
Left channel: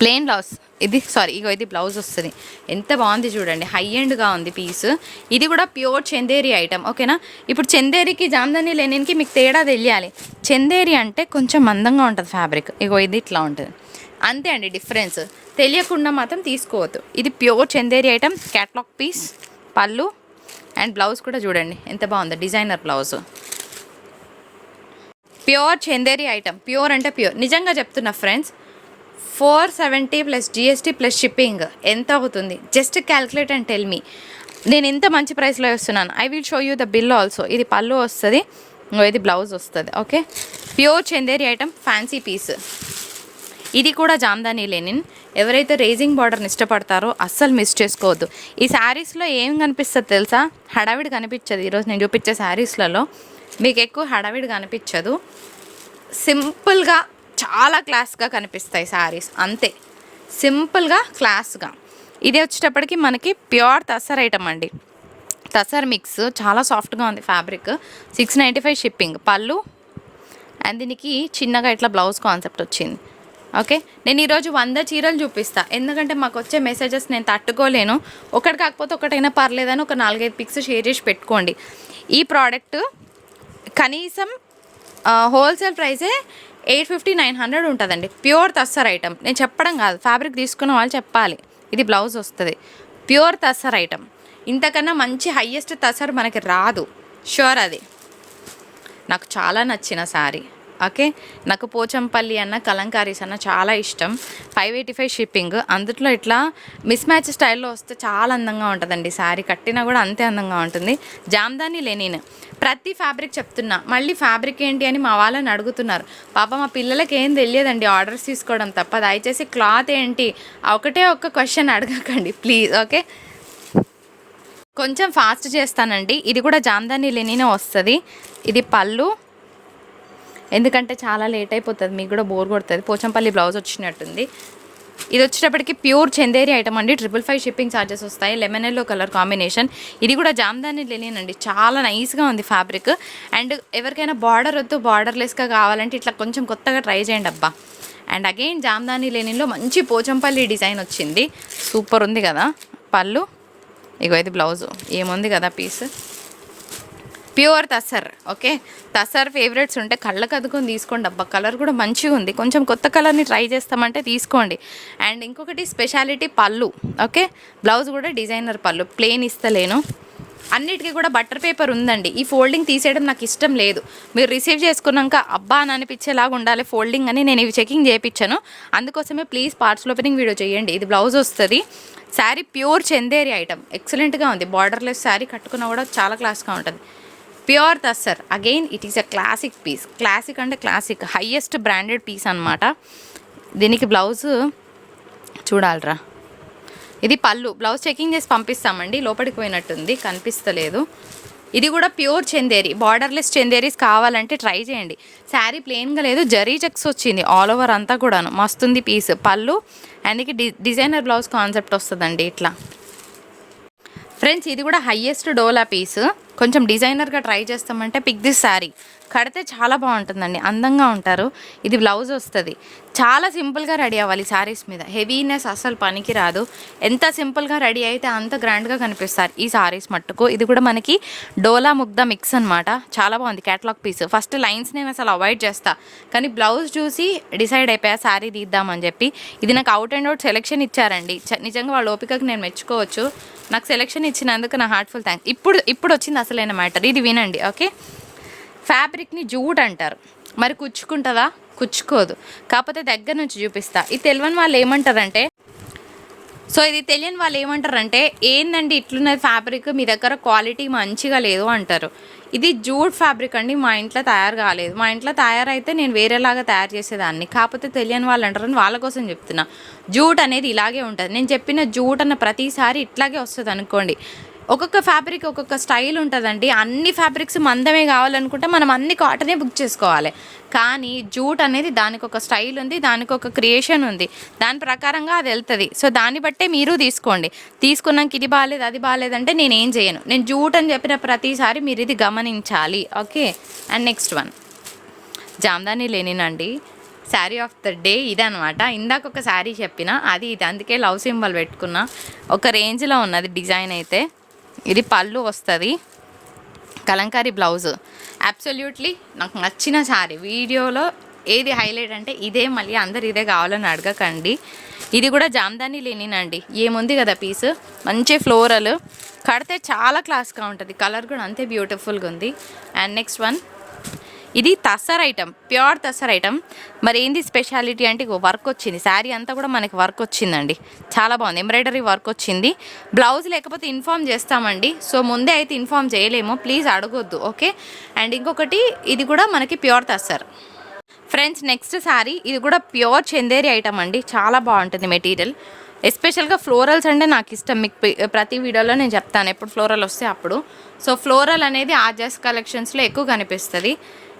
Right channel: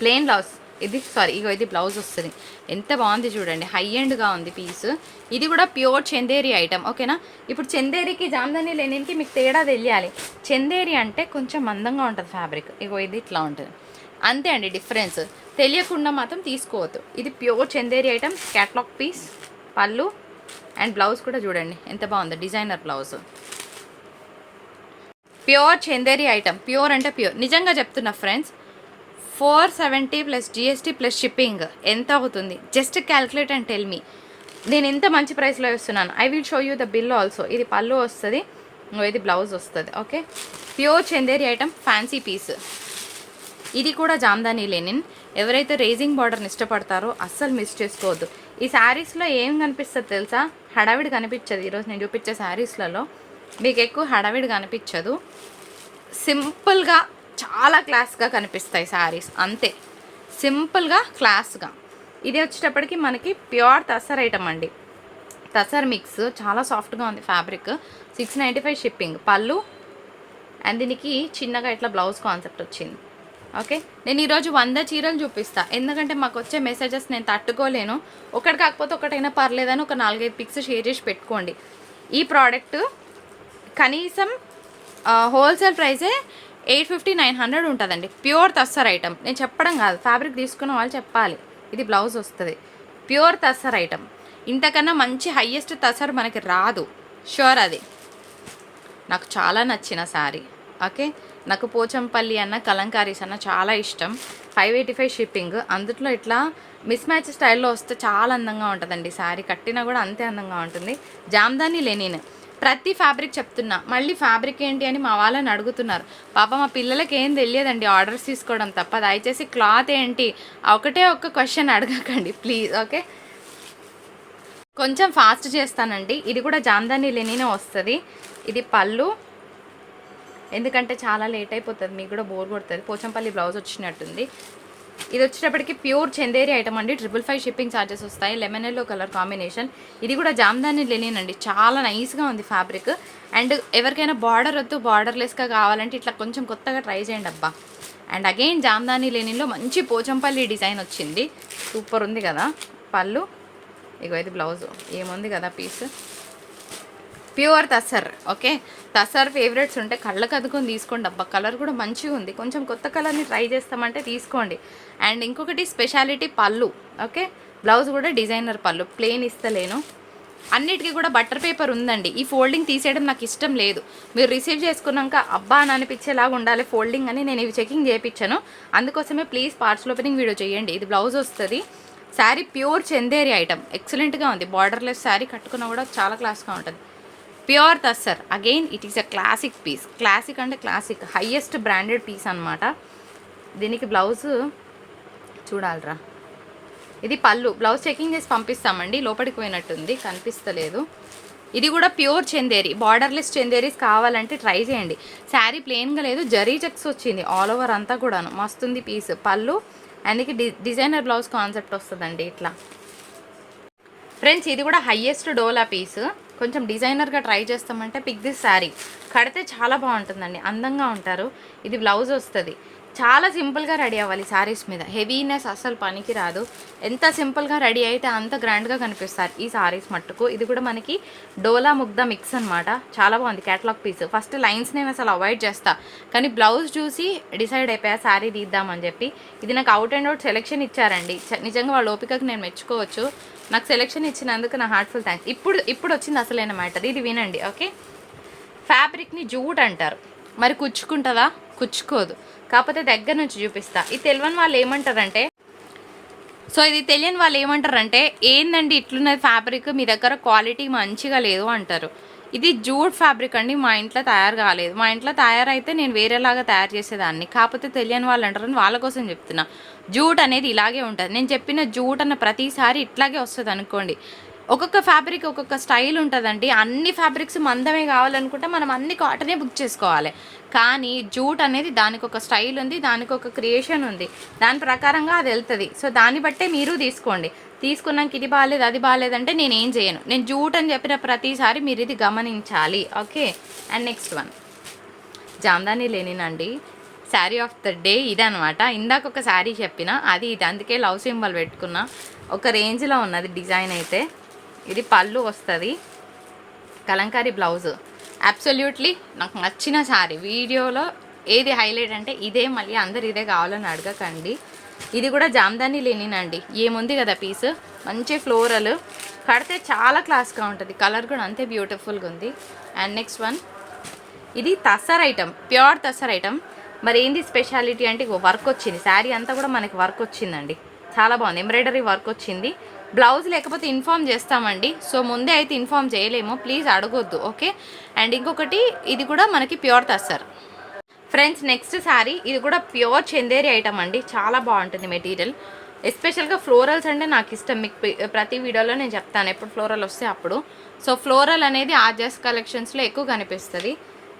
ప్లెయిన్ బ్లౌజ్. ఇగో ఇది బ్లౌజ్ వస్తుంది. ఎంత బాగుంది చూడండి, హై ఎండ్గా ఉంది పీస్. ఇది కూడా ప్యూర్ చందేరి ఐటమ్, ఓకేనా. ఇప్పుడు చందేరికి జామ్దాని లెనిన్కి మీకు తేడా తెలియాలి. చందేరి అంటే కొంచెం మందంగా ఉంటుంది ఫ్యాబ్రిక్, ఇగో ఇది ఇట్లా ఉంటుంది, అంతే అండి డిఫరెన్స్. తెలియకుండా మాత్రం తీసుకోవద్దు. ఇది pure Chanderi item, catalogue piece, pallu and blouse కూడా చూడండి ఎంత బాగుందో, designer blouse. Pure Chanderi item, pure అంటే ప్యూర్, నిజంగా చెప్తున్నా friends. 470 plus GST plus shipping ఎంత అవుతుంది? Just calculate and tell me. నేను ఇంత మంచి ప్రైస్లో ఇస్తున్నాను. I will show you the bill also. ఇది పళ్ళు వస్తుంది, ఇది బ్లౌజ్ వస్తుంది, okay. Pure Chanderi item, fancy piece. ఇది కూడా జామ్దాని లెనిన్. ఎవరైతే రేజింగ్ బార్డర్ని ఇష్టపడతారో అస్సలు మిస్ చేసుకోవద్దు. ఈ శారీస్లో ఏం కనిపిస్తుంది తెలుసా? హడావిడి కనిపించదు. ఈరోజు నేను చూపించే శారీస్లలో మీకు ఎక్కువ హడావిడి కనిపించదు. సింపుల్గా చాలా క్లాస్గా కనిపిస్తాయి శారీస్, అంతే. సింపుల్గా క్లాస్గా. ఇది వచ్చేటప్పటికి మనకి ప్యూర్ తసర్ ఐటమ్ అండి, తసర్ మిక్స్. చాలా సాఫ్ట్గా ఉంది ఫ్యాబ్రిక్. 695 షిప్పింగ్. పళ్ళు అండ్ దీనికి చిన్నగా ఇట్లా బ్లౌజ్ కాన్సెప్ట్ వచ్చింది, ఓకే. నేను ఈరోజు 100 చీరలు చూపిస్తాను, ఎందుకంటే మాకు వచ్చే మెసేజెస్ నేను తట్టుకోలేను. ఒకటి కాకపోతే ఒకటైనా పర్లేదని ఒక 4-5 పిక్స్ షేర్ చేసి పెట్టుకోండి. ఈ ప్రోడక్ట్ కనీసం హోల్సేల్ ప్రైసే 850-900 ఉంటుందండి. ప్యూర్ తస్సర్ ఐటమ్, నేను చెప్పడం కాదు, ఫ్యాబ్రిక్ తీసుకున్న వాళ్ళు చెప్పాలి. ఇది బ్లౌజ్ వస్తుంది, ప్యూర్ తస్సర్ ఐటమ్. ఇంతకన్నా మంచి హయ్యెస్ట్ తస్సర్ మనకి రాదు, షూర్. అది నాకు చాలా నచ్చిన శారీ, ఓకే. నాకు పోచంపల్లి అన్న కలంకారీస్ అన్న చాలా ఇష్టం. 585 షిప్పింగ్. అందులో ఇట్లా మిస్ మ్యాచ్ స్టైల్లో వస్తే చాలా అందంగా ఉంటుందండి. శారీ కట్టినా కూడా అంతే అందంగా ఉంటుంది. జామ్దాని లెనిన్. ప్రతి ఫ్యాబ్రిక్ చెప్తున్నా, మళ్ళీ ఫ్యాబ్రిక్ ఏంటి అని మా వాళ్ళని అడుగుతున్నారు. పాప మా పిల్లలకి ఏం తెలియదండి ఆర్డర్స్ తీసుకోవడం తప్ప. దయచేసి క్లాత్ ఏంటి ఒకటే ఒక్క క్వశ్చన్ అడగకండి ప్లీజ్, ఓకే. కొంచెం ఫాస్ట్ చేస్తానండి. ఇది కూడా జామ్దాని లెనిన్ వస్తుంది. ఇది పళ్ళు, ఎందుకంటే చాలా లేట్ అయిపోతుంది, మీకు కూడా బోర్ కొడుతుంది. పోచంపల్లి బ్లౌజ్ వచ్చినట్టుంది. ఇది వచ్చేటప్పటికి ప్యూర్ చందేరి ఐటమ్ అండి. 555 షిప్పింగ్ ఛార్జెస్ వస్తాయి. Lemon yellow colour combination. ఇది కూడా జామ్దాని లెనిన్ అండి, చాలా నైస్గా ఉంది ఫ్యాబ్రిక్. అండ్ ఎవరికైనా బార్డర్ వద్దు, బార్డర్లెస్గా కావాలంటే ఇట్లా కొంచెం కొత్తగా ట్రై చేయండి అబ్బా. అండ్ అగైన్ జామ్దాని లెనిన్లో మంచి పోచంపల్లి డిజైన్ వచ్చింది, సూపర్ ఉంది కదా. పళ్ళు ఇగో ఇది బ్లౌజ్, ఏముంది కదా piece. Pure tussar, okay. Tussar favourites ఉంటే కళ్ళకు అదుకొని తీసుకోండి అబ్బా. కలర్ కూడా మంచిగా ఉంది, కొంచెం కొత్త కలర్ని ట్రై చేస్తామంటే తీసుకోండి. అండ్ ఇంకొకటి స్పెషాలిటీ పళ్ళు, ఓకే. బ్లౌజ్ కూడా డిజైనర్ పళ్ళు, ప్లెయిన్ ఇస్తలేను. అన్నిటికీ కూడా బటర్ పేపర్ ఉందండి. ఈ ఫోల్డింగ్ తీసేయడం నాకు ఇష్టం లేదు. మీరు రిసీవ్ చేసుకున్నాక అబ్బా అని అనిపించేలాగా ఉండాలి ఫోల్డింగ్ అని నేను ఇవి చెకింగ్ చేయించాను. అందుకోసమే ప్లీజ్ పార్ట్స్ ఓపెనింగ్ వీడియో చేయండి. ఇది బ్లౌజ్ వస్తుంది. శారీ ప్యూర్ చందేరి ఐటమ్, ఎక్సలెంట్గా ఉంది. బార్డర్లెస్ శారీ కట్టుకున్నా కూడా చాలా క్లాస్గా ఉంటుంది. Pure tussar, again it is a classic piece. Classic అంటే క్లాసిక్, హయ్యెస్ట్ బ్రాండెడ్ పీస్ అనమాట. దీనికి బ్లౌజ్ చూడాలరా. ఇది పళ్ళు. బ్లౌజ్ చెకింగ్ చేసి పంపిస్తామండి. లోపలికి పోయినట్టుంది, కనిపిస్తలేదు. ఇది కూడా ప్యూర్ చందేరి, బార్డర్లెస్ చందేరీస్ కావాలంటే ట్రై చేయండి. శారీ ప్లెయిన్గా లేదు, జరీ చెక్స్ వచ్చింది ఆల్ ఓవర్ అంతా కూడాను, మస్తుంది పీస్. పళ్ళు అందుకే డిజైనర్ బ్లౌజ్ కాన్సెప్ట్ వస్తుందండి ఇట్లా. ఫ్రెండ్స్ ఇది కూడా హయ్యెస్ట్ డోలా పీస్. కొంచెం డిజైనర్గా ట్రై చేస్తామంటే పిక్ దిస్ శారీ. కడితే చాలా బాగుంటుందండి, అందంగా ఉంటారు. ఇది బ్లౌజ్ వస్తుంది. చాలా సింపుల్గా రెడీ అవ్వాలి శారీస్ మీద, హెవీనెస్ అసలు పనికి రాదు. ఎంత సింపుల్గా రెడీ అయితే అంత గ్రాండ్గా కనిపిస్తారు ఈ శారీస్ మట్టుకు. ఇది కూడా మనకి డోలా ముగ్ధ మిక్స్ అనమాట, చాలా బాగుంది. Catalogue piece. ఫస్ట్ లైన్స్ నేను అసలు అవాయిడ్ చేస్తా, కానీ బ్లౌజ్ చూసి డిసైడ్ అయిపోయా శారీ తీద్దామని చెప్పి. ఇది నాకు అవుట్ అండ్ అవుట్ సెలెక్షన్ ఇచ్చారండి, నిజంగా వాళ్ళ ఓపికకి నేను మెచ్చుకోవచ్చు. నాకు సెలెక్షన్ ఇచ్చినందుకు నా హార్ట్ఫుల్ థ్యాంక్స్. ఇప్పుడు వచ్చింది అసలైన మ్యాటర్, ఇది వినండి, ఓకే. ఫ్యాబ్రిక్ని జూట్ అంటారు, మరి కుచ్చుకుంటుందా? కుచ్చుకోదు. కాకపోతే దగ్గర నుంచి చూపిస్తా. ఇది తెలియని వాళ్ళు ఏమంటారంటే, ఇది తెలియని వాళ్ళు ఏమంటారంటే ఏందండి ఇట్లున్నది ఫ్యాబ్రిక్, మీ దగ్గర క్వాలిటీ మంచిగా లేదు అంటారు. ఇది జూట్ ఫ్యాబ్రిక్ అండి, మా ఇంట్లో తయారు కాలేదు. మా ఇంట్లో తయారైతే నేను వేరేలాగా తయారు చేసేదాన్ని. కాకపోతే తెలియని వాళ్ళు అంటారని వాళ్ళ కోసం చెప్తున్నా. జూట్ అనేది ఇలాగే ఉంటుంది. నేను చెప్పిన జూట్ అన్న ప్రతిసారి ఇట్లాగే వస్తుంది అనుకోండి. ఒక్కొక్క ఫ్యాబ్రిక్ ఒక్కొక్క స్టైల్ ఉంటుందండి. అన్ని ఫ్యాబ్రిక్స్ మందమే కావాలనుకుంటే మనం అన్ని కాటనే బుక్ చేసుకోవాలి. కానీ జూట్ అనేది దానికి ఒక స్టైల్ ఉంది, దానికి ఒక క్రియేషన్ ఉంది, దాని ప్రకారంగా అది వెళ్తుంది. దాన్ని బట్టే మీరు తీసుకోండి. తీసుకున్నాక ఇది బాగాలేదు అది బాగాలేదంటే నేనేం చేయను. నేను జూట్ అని చెప్పిన ప్రతిసారి మీరు ఇది గమనించాలి, okay. And next one Jamdani linen అండి. శారీ ఆఫ్ ద డే ఇదే అనమాట. ఇందాక ఒక శారీ చెప్పిన అది ఇది, అందుకే లవ్ సింబల్ పెట్టుకున్నా. ఒక రేంజ్లో ఉన్నది డిజైన్ అయితే. ఇది పళ్ళు వస్తుంది, కలంకారీ బ్లౌజ్. అబ్సల్యూట్లీ నాకు నచ్చిన శారీ. వీడియోలో ఏది హైలైట్ అంటే ఇదే, మళ్ళీ అందరు ఇదే కావాలని అడగకండి. ఇది కూడా జామ్దాని లేనినండి, ఏముంది కదా పీస్, మంచి ఫ్లోరల్, కడితే చాలా క్లాస్గా ఉంటుంది. కలర్ కూడా అంతే బ్యూటిఫుల్గా ఉంది. అండ్ నెక్స్ట్ వన్, ఇది tussar item, pure tussar item. మరి ఏంది స్పెషాలిటీ అంటే వర్క్ వచ్చింది, శారీ అంతా కూడా మనకి వర్క్ వచ్చిందండి, చాలా బాగుంది. ఎంబ్రాయిడరీ వర్క్ వచ్చింది. బ్లౌజ్ లేకపోతే ఇన్ఫామ్ చేస్తామండి, సో ముందే అయితే ఇన్ఫామ్ చేయలేము, ప్లీజ్ అడగొద్దు, ఓకే. అండ్ ఇంకొకటి, ఇది కూడా మనకి pure tussar. Friends next sari, ఇది కూడా ప్యూర్ చందేరి ఐటమ్ అండి, చాలా బాగుంటుంది మెటీరియల్. ఎస్పెషల్గా ఫ్లోరల్స్ అంటే నాకు ఇష్టం, మీకు ప్రతి వీడియోలో నేను చెప్తాను ఎప్పుడు ఫ్లోరల్ వస్తే అప్పుడు. సో ఫ్లోరల్ అనేది ఆర్జెస్ కలెక్షన్స్లో ఎక్కువ కనిపిస్తుంది.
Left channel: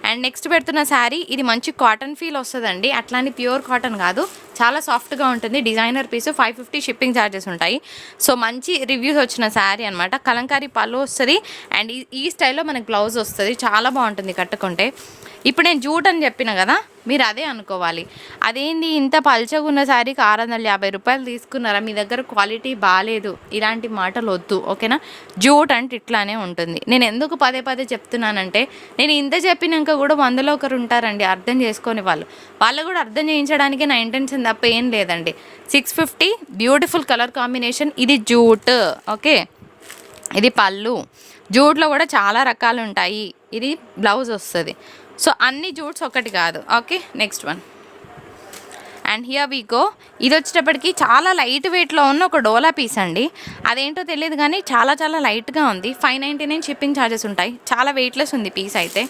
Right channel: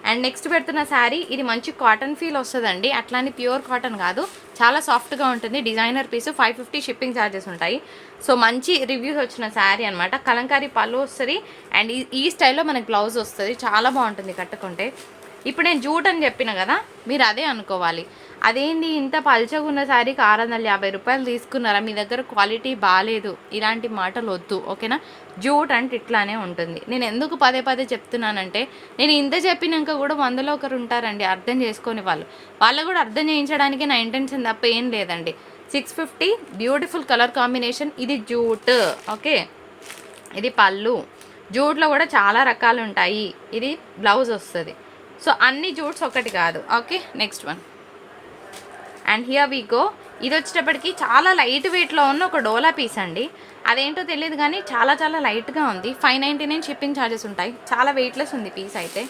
అండ్ నెక్స్ట్ పెడుతున్న శారీ, ఇది మంచి కాటన్ ఫీల్ వస్తుందండి, అట్లానే ప్యూర్ కాటన్ కాదు, చాలా సాఫ్ట్గా ఉంటుంది. డిజైనర్ పీస్, 550 షిప్పింగ్ ఛార్జెస్ ఉంటాయి. సో మంచి రివ్యూస్ వచ్చిన శారీ అనమాట. కలంకారీ పళ్ళు వస్తుంది అండ్ ఈ స్టైల్లో మనకి బ్లౌజ్ వస్తుంది, చాలా బాగుంటుంది కట్టుకుంటే. ఇప్పుడు నేను జూట్ అని చెప్పిన కదా, మీరు అదే అనుకోవాలి. అదేంటి ఇంత పల్చగా ఉన్న శారీకి 650 రూపాయలు తీసుకున్నారా, మీ దగ్గర క్వాలిటీ బాగాలేదు, ఇలాంటి మాటలు వద్దు, ఓకేనా. జూట్ అంటే ఇట్లానే ఉంటుంది. నేను ఎందుకు పదే పదే చెప్తున్నానంటే, నేను ఇంత చెప్పినాక కూడా 100లో ఒకరు ఉంటారండి అర్థం చేసుకొని వాళ్ళు కూడా అర్థం చేయించడానికి నా ఇంటెన్షన్ తప్ప ఏం లేదండి. 650 బ్యూటిఫుల్ కలర్ కాంబినేషన్. ఇది జూట్, ఓకే. ఇది పళ్ళు. జూట్లో కూడా చాలా రకాలు ఉంటాయి. ఇది బ్లౌజ్ వస్తుంది. సో అన్ని జూట్స్ ఒకటి కాదు, okay. Next one, and here we go. ఇది వచ్చేటప్పటికి చాలా లైట్ వెయిట్లో ఉన్న ఒక డోలా పీస్ అండి, అదేంటో తెలియదు కానీ చాలా చాలా లైట్గా ఉంది. 599 షిప్పింగ్ ఛార్జెస్ ఉంటాయి, చాలా వెయిట్లెస్ ఉంది పీస్ అయితే.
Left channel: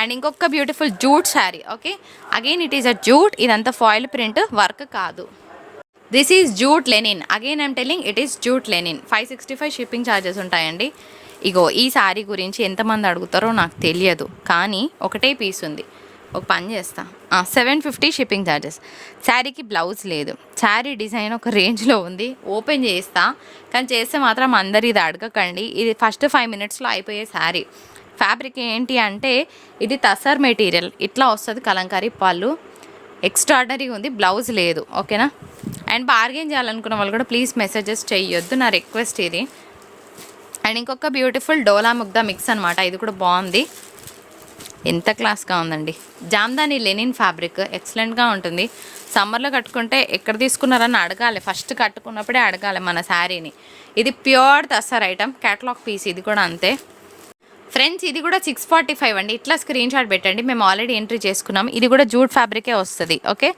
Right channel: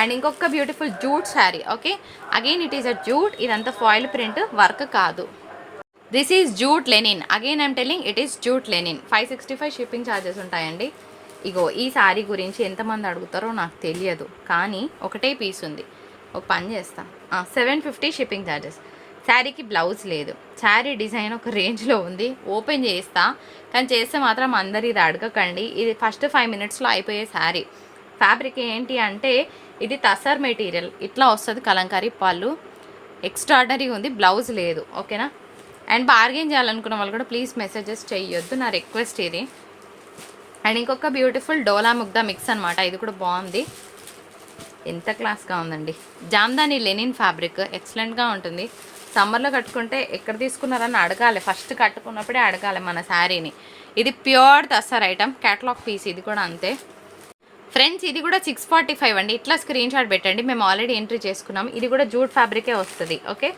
అండ్ ఇంకొక beautiful jute sari, okay. Again it is a jute, ఇదంతా ఫాయిల్ ప్రింట్ వర్క్ కాదు. This is jute Lenin, again I'm telling it is jute Lenin. 565 shipping charges ఉంటాయండి. ఇగో ఈ శారీ గురించి ఎంతమంది అడుగుతారో నాకు తెలియదు, కానీ ఒకటే పీస్ ఉంది. ఒక పని చేస్తా, 750 షిప్పింగ్ ఛార్జెస్. శారీకి బ్లౌజ్ లేదు, శారీ డిజైన్ ఒక రేంజ్లో ఉంది. ఓపెన్ చేస్తా, కానీ చేస్తే మాత్రం అందరు ఇది అడగకండి. ఇది ఫస్ట్ 5 మినిట్స్లో అయిపోయే శారీ. ఫ్యాబ్రిక్ ఏంటి అంటే ఇది తసర్ మెటీరియల్, ఇట్లా వస్తుంది. కలంకారీ పళ్ళు ఎక్స్ట్రాడనరీ ఉంది, బ్లౌజ్ లేదు, ఓకేనా. అండ్ బార్గెన్ చేయాలనుకున్న వాళ్ళు కూడా ప్లీజ్ మెసేజెస్ చేయొద్దు, నా రిక్వెస్ట్ ఇది. అండ్ ఇంకొక బ్యూటిఫుల్ డోలా ముగ్దా మిక్స్ అనమాట, ఇది కూడా బాగుంది, ఎంత క్లాస్గా ఉందండి. జామ్దాని లెనిన్ ఫ్యాబ్రిక్ ఎక్సలెంట్గా ఉంటుంది. సమ్మర్లో కట్టుకుంటే ఎక్కడ తీసుకున్నారని అడగాలి, ఫస్ట్ కట్టుకున్నప్పుడే అడగాలి మన శారీని. ఇది pure tussar item, catalogue piece. ఇది కూడా అంతే ఫ్రెండ్స్. ఇది కూడా 645 అండి. ఇట్లా స్క్రీన్ షాట్ పెట్టండి, మేము ఆల్రెడీ ఎంట్రీ చేసుకున్నాం. ఇది కూడా జూట్ ఫ్యాబ్రికే వస్తుంది, ఓకే.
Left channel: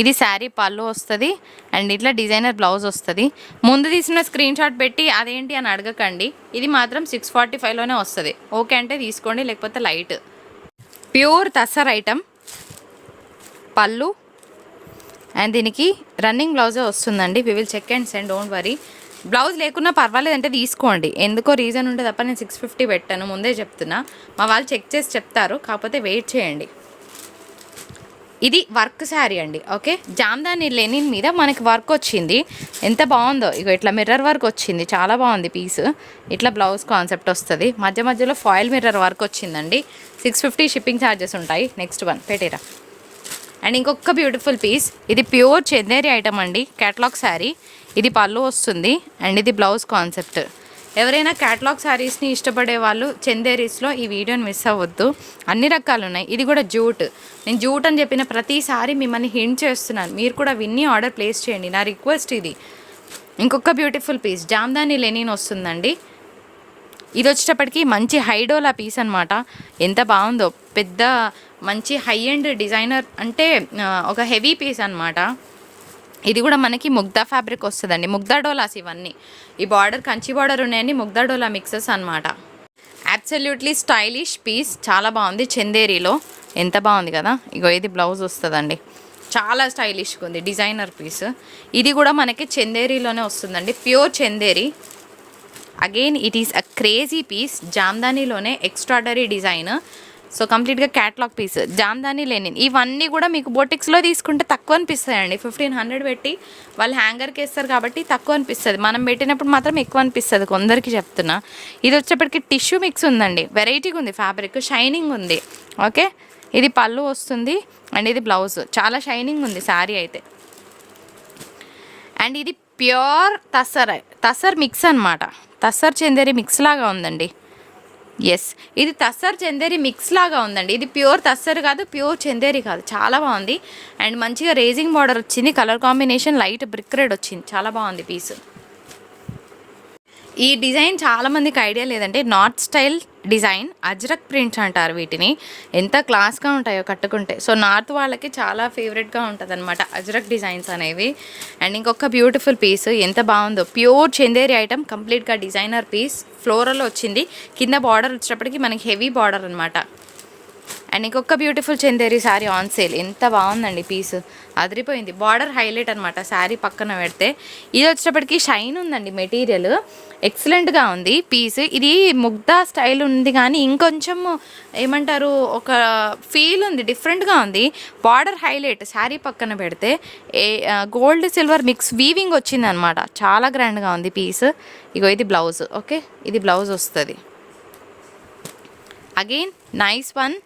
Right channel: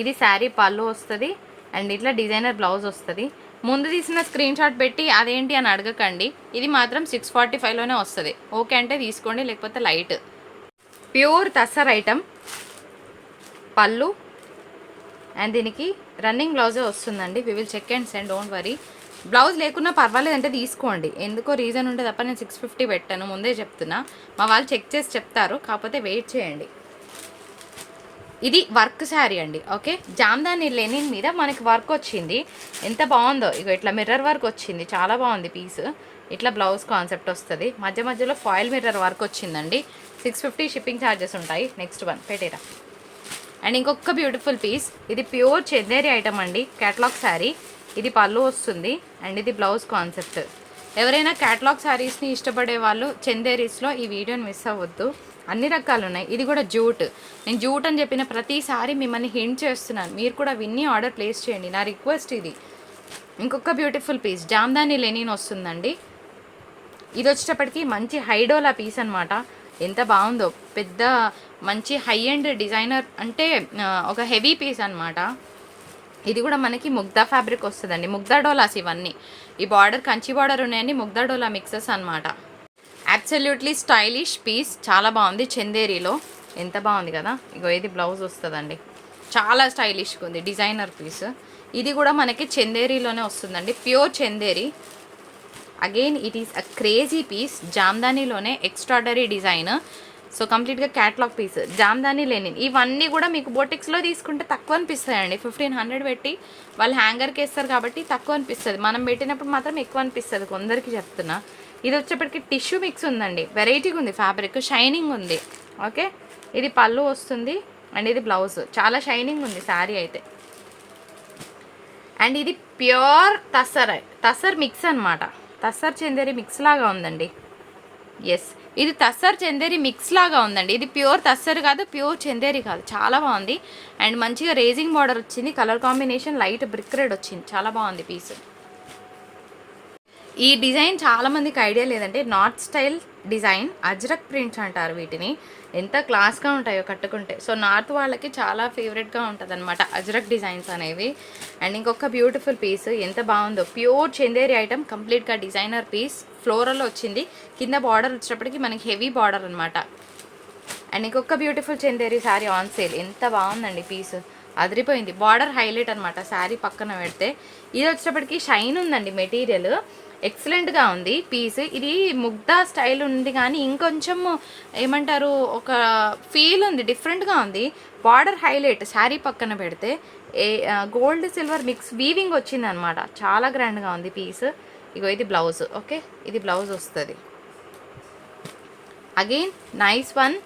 ఇది శారీ పళ్ళు వస్తుంది అండ్ ఇట్లా డిజైనర్ బ్లౌజ్ వస్తుంది. ముందు తీసిన స్క్రీన్ షాట్ పెట్టి అదేంటి అని అడగకండి, ఇది మాత్రం 645లోనే వస్తుంది. ఓకే అంటే తీసుకోండి, లేకపోతే light. Pure tussar item, pallu and దీనికి రన్నింగ్ బ్లౌజే వస్తుందండి. We will check and send, don't worry. Blouse లేకున్నా పర్వాలేదంటే తీసుకోండి, ఎందుకో రీజన్ ఉంటే తప్ప నేను 650 పెట్టాను, ముందే చెప్తున్నా. మా వాళ్ళు చెక్ చేసి చెప్తారు, కాకపోతే వెయిట్ చేయండి. ఇది వర్క్ శారీ అండి, ఓకే. జామ్దాని లెనిన్ మీద మనకి వర్క్ వచ్చింది, ఎంత బాగుందో. ఇగో ఇట్లా మిర్రర్ వర్క్ వచ్చింది, చాలా బాగుంది పీస్. ఇట్లా బ్లౌజ్ కాన్సెప్ట్ వస్తుంది, మధ్య మధ్యలో ఫాయిల్ మిర్రర్ వర్క్ వచ్చిందండి. 650 షిప్పింగ్ ఛార్జెస్ ఉంటాయి. నెక్స్ట్ వన్ పెట్టిరా. అండ్ ఇంకొక బ్యూటిఫుల్ పీస్, ఇది ప్యూర్ చందేరి ఐటమ్ అండి, క్యాటలాగ్ శారీ. ఇది పళ్ళు వస్తుంది అండ్ ఇది బ్లౌజ్ కాన్సెప్ట్. ఎవరైనా క్యాటలాగ్ శారీస్ని ఇష్టపడే వాళ్ళు చందేరీస్లో ఈ వీడియోని మిస్ అవ్వద్దు, అన్ని రకాలు ఉన్నాయి. ఇది కూడా జూట్. నేను జూట్ అని చెప్పిన ప్రతిసారి మిమ్మల్ని హింట్ చేస్తున్నాను, మీరు కూడా విన్ని ఆర్డర్ ప్లేస్ చేయండి, నా రిక్వెస్ట్ ఇది. ఇంకొక బ్యూటిఫుల్ పీస్ జామ్దాని లెనిన్ వస్తుందండి. ఇది వచ్చేటప్పటికి మంచి హైడోలా పీస్ అనమాట, ఎంత బాగుందో. పెద్ద మంచి హై ఎండ్ డిజైనర్ అంటే ఒక హెవీ పీస్ అనమాట. ఇది కూడా మనకి ముగ్దా ఫ్యాబ్రిక్ వస్తుందండి, ముగ్దా డోలాస్ ఇవన్నీ. ఈ బార్డర్ కంచి బార్డర్ ఉన్నాయండి, ముగ్దా డోలా మిక్సెస్ అనమాట. అబ్సల్యూట్లీ స్టైలిష్ పీస్, చాలా బాగుంది. చందేరీలో ఎంత బాగుంది కదా. ఇగో ఇది బ్లౌజ్ వస్తుందండి, చాలా స్టైలిష్గా ఉంది, డిజైనర్ పీస్. ఇది కూడా మనకి చందేరీలోనే వస్తుందండి, pure Chanderi. Again it is a crazy piece, జామ్దానీలోనే ఎక్స్ట్రాడనరీ డిజైన్. సో కంప్లీట్గా క్యాటలాగ్ పీస్, జామ్దాని లెనిన్. ఇవన్నీ కూడా మీకు బొటిక్స్లో తీసుకుంటే తక్కువ అనిపిస్తాయండి. 1500 పెట్టి వాళ్ళు హ్యాంగర్కి వేస్తారు కాబట్టి తక్కువ అనిపిస్తుంది, మనం పెట్టినప్పుడు మాత్రం ఎక్కువ అనిపిస్తుంది, కొందరికి చెప్తున్నా. ఇది వచ్చేప్పటికి టిష్యూ మిక్స్ ఉందండి, వెరైటీగా ఉంది ఫ్యాబ్రిక్, షైనింగ్ ఉంది, ఓకే. ఇది పళ్ళు వస్తుంది అండ్ ఇది బ్లౌజ్, చాలా షైనింగ్ ఉంది శారీ అయితే. అండ్ ఇది ప్యూర్ తస్సర్ మిక్స్ అనమాట, తస్సర్ చందేరి మిక్స్ లాగా ఉందండి. ఎస్, ఇది తస్సర్ చందేరి మిక్స్ లాగా ఉందండి. ఇది ప్యూర్ తస్సర్ కాదు, ప్యూర్ చందేరి కాదు, చాలా బాగుంది. అండ్ మంచిగా రేజింగ్ బార్డర్ వచ్చింది, colour combination light brick red వచ్చింది, చాలా బాగుంది పీస్. ఈ డిజైన్ చాలామందికి ఐడియా లేదంటే north style design, Ajrakh prints అంటారు వీటిని. ఎంత క్లాస్గా ఉంటాయో కట్టుకుంటే. సో నార్త్ వాళ్ళకి చాలా ఫేవరెట్గా ఉంటుంది అనమాట అజ్రక్ డిజైన్స్ అనేవి. అండ్ ఇంకొక బ్యూటిఫుల్ పీస్, ఎంత బాగుందో, ప్యూర్ చందేరి ఐటమ్, కంప్లీట్గా డిజైనర్ పీస్, ఫ్లోరల్ వచ్చింది. కింద బార్డర్ వచ్చేటప్పటికి మనకి హెవీ బార్డర్ అనమాట. అండ్ ఇంకొక beautiful Chanderi sari on sale, ఎంత బాగుందండి పీస్, అదిరిపోయింది. బార్డర్ హైలైట్ అనమాట శారీ పక్కన పెడితే. ఇది వచ్చేటప్పటికి షైన్ ఉందండి, మెటీరియల్ ఎక్సలెంట్గా ఉంది పీస్. ఇది ముగ్ధా స్టైల్ ఉంది కానీ ఇంకొంచెం ఏమంటారు, ఒక ఫీల్ ఉంది, డిఫరెంట్గా ఉంది. బార్డర్ హైలైట్ శారీ పక్కన పెడితే గోల్డ్ సిల్వర్ మిక్స్ వీవింగ్ వచ్చిందనమాట, చాలా గ్రాండ్గా ఉంది పీస్. ఇగో ఇది బ్లౌజ్, ఓకే, ఇది బ్లౌజ్ వస్తుంది. అగైన్ నైస్ వన్,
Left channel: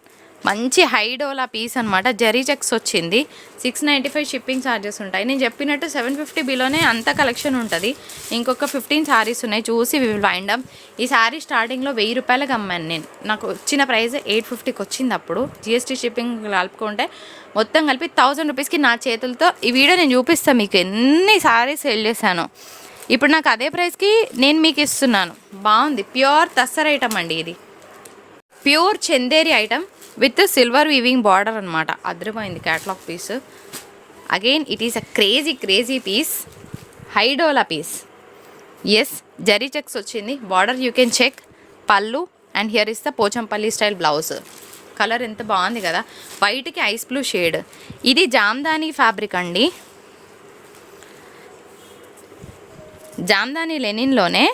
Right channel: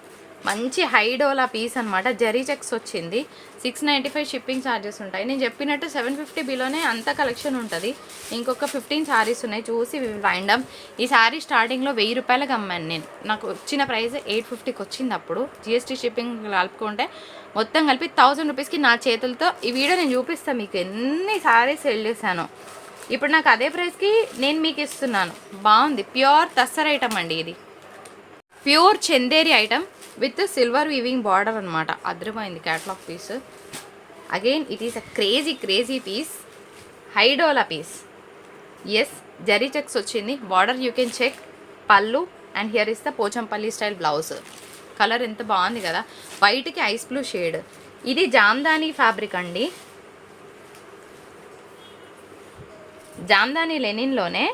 మంచి హైడోలా పీస్ అనమాట, జరీ చెక్స్ వచ్చింది. 695 షిప్పింగ్ ఛార్జెస్ ఉంటాయి. నేను చెప్పినట్టు 750 బిలోనే అంత కలెక్షన్ ఉంటుంది. ఇంకొక 15 శారీస్ ఉన్నాయి, చూసి వి విల్ వైండ్ అప్. ఈ శారీ స్టార్టింగ్లో 1000 రూపాయలకి అమ్మాను నేను, నాకు వచ్చిన ప్రైస్ 850కి వచ్చింది. అప్పుడు జిఎస్టీ షిప్పింగ్ కలుపుకుంటే మొత్తం కలిపి 1000 రూపీస్కి నా చేతులతో. ఈ వీడియో నేను చూపిస్తాను మీకు ఎన్ని శారీస్ సెల్ చేశాను. ఇప్పుడు నాకు అదే ప్రైస్కి నేను మీకు ఇస్తున్నాను. బాగుంది, ప్యూర్ తస్సర్ ఐటమ్ అండి ఇది, pure Chanderi item with silver weaving border అనమాట, అద్భుతమైంది catalogue piece. Again it is a crazy piece, హైడోలా పీస్. ఎస్, జరీ చెక్స్ వచ్చింది, బార్డర్ యూ కెన్ చెక్, పళ్ళు. And here is the Pochampally style blouse. Colour ఎంత బాగుంది కదా, వైట్కి ఐస్ బ్లూ షేడ్. ఇది జామ్దాని ఫ్యాబ్రిక్ అండి, జామ్దాని లెనిన్లోనే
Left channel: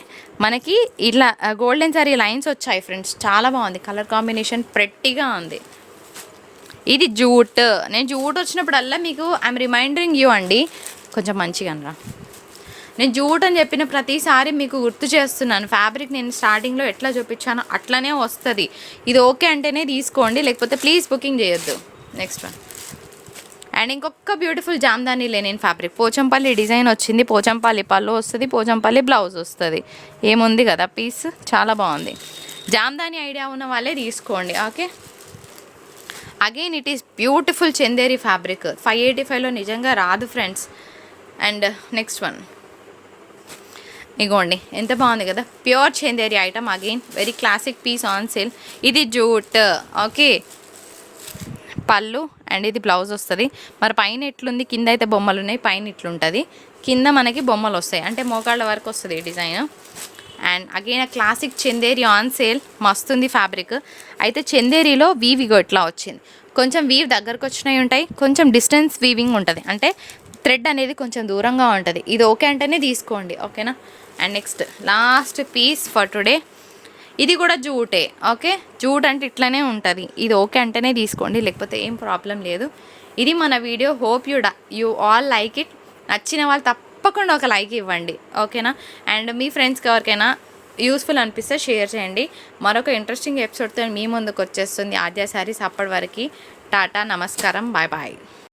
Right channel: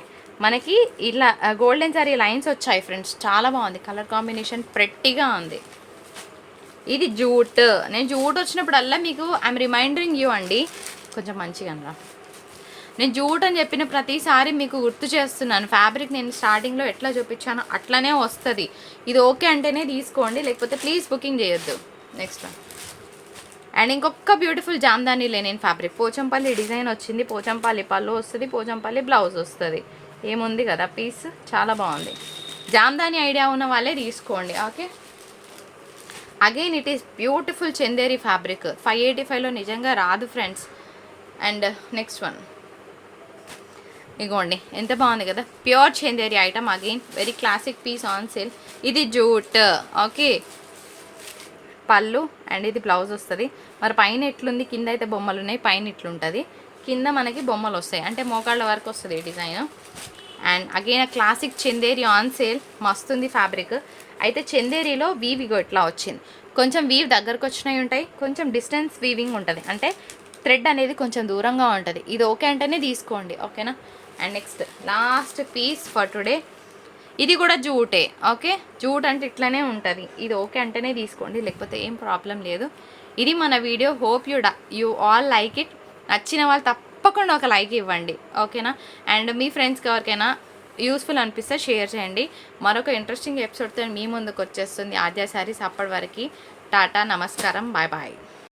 మనకి ఇట్లా గోల్డెన్ సారీ లైన్స్ వచ్చాయి ఫ్రెండ్స్, చాలా బాగుంది. కలర్ కాంబినేషన్ ప్రెట్టిగా ఉంది. ఇది జూట్, నేను జూట్ వచ్చినప్పుడల్లా మీకు ఐఎమ్ రిమైండరింగ్ యూ అండి, కొంచెం మంచిగా అనరా. నేను జూట్ అని చెప్పిన ప్రతిసారి మీకు గుర్తు చేస్తున్నాను. ఫ్యాబ్రిక్ నేను స్టార్టింగ్లో ఎట్లా చూపించానో అట్లనే వస్తుంది. ఇది ఓకే అంటేనే తీసుకోండి, లేకపోతే ప్లీజ్ బుకింగ్ చేయొద్దు. Next one. అండ్ ఇంకొక beautiful Jamdani linen fabric, Pochampally design వచ్చింది, పోచంపల్లి పళ్ళు వస్తుంది, పోచంపల్లి బ్లౌజ్ వస్తుంది. ఏముంది కదా పీస్, చాలా బాగుంది. జామ్దాని ఐడియా ఉన్న వాళ్ళే తీసుకోండి, okay. Again it is beautiful Chanderi fabric, 585లో నిజంగా రాదు ఫ్రెండ్స్. అండ్ నెక్స్ట్ వన్, ఇగోండి ఎంత బాగుంది కదా, pure Chanderi item. Again very classic piece on sale. ఇది జూట్, ఓకే, పళ్ళు. అండ్ ఇది బ్లౌజ్ వస్తుంది. మరి పైన ఎట్లుంది, కింద అయితే బొమ్మలు ఉన్నాయి, పైన ఇట్లుంటుంది, కింద మనకి బొమ్మలు వస్తాయి, అంటే మోకాళ్ళ వరకు వస్తుంది design. And again classic Chanderi on sale, మస్తుంది ఫ్యాబ్రిక్. అయితే చందేరిలో వీవిగో ఇట్లా వచ్చింది, కొంచెం వీవ్ దగ్గరకు వచ్చినవి ఉంటాయి, కొంచెం డిస్టెన్స్ వీవింగ్ ఉంటుంది, అంటే థ్రెడ్ అనేది కొంచెం దూరంగా ఉంటుంది. ఇది ఓకే అంటేనే తీసుకోండి, ఓకేనా. And next last piece for today, ఇది కూడా జూటే, ఓకే. జూట్ అంటే ఇట్లనే ఉంటుంది, ఇది ఓకే అంటేనే తీసుకోండి, లేకపోతే ఏం ప్రాబ్లం లేదు. ఇది మన video, hope you all like it. నచ్చిన వాళ్ళు తప్పకుండా ఒక లైక్ ఇవ్వండి, ఓకేనా. అండ్ మీ ఫ్రెండ్స్కి ఎవరికైనా యూస్ఫుల్ అనిపిస్తే షేర్ చేయండి. మరొక ఇంట్రెస్టింగ్ ఎపిసోడ్తో మీ ముందుకు వచ్చేస్తుంది ఆద్య శారీస్. అప్పటి వరకు టాటా, నమస్కారం, బాయ్ బాయ్.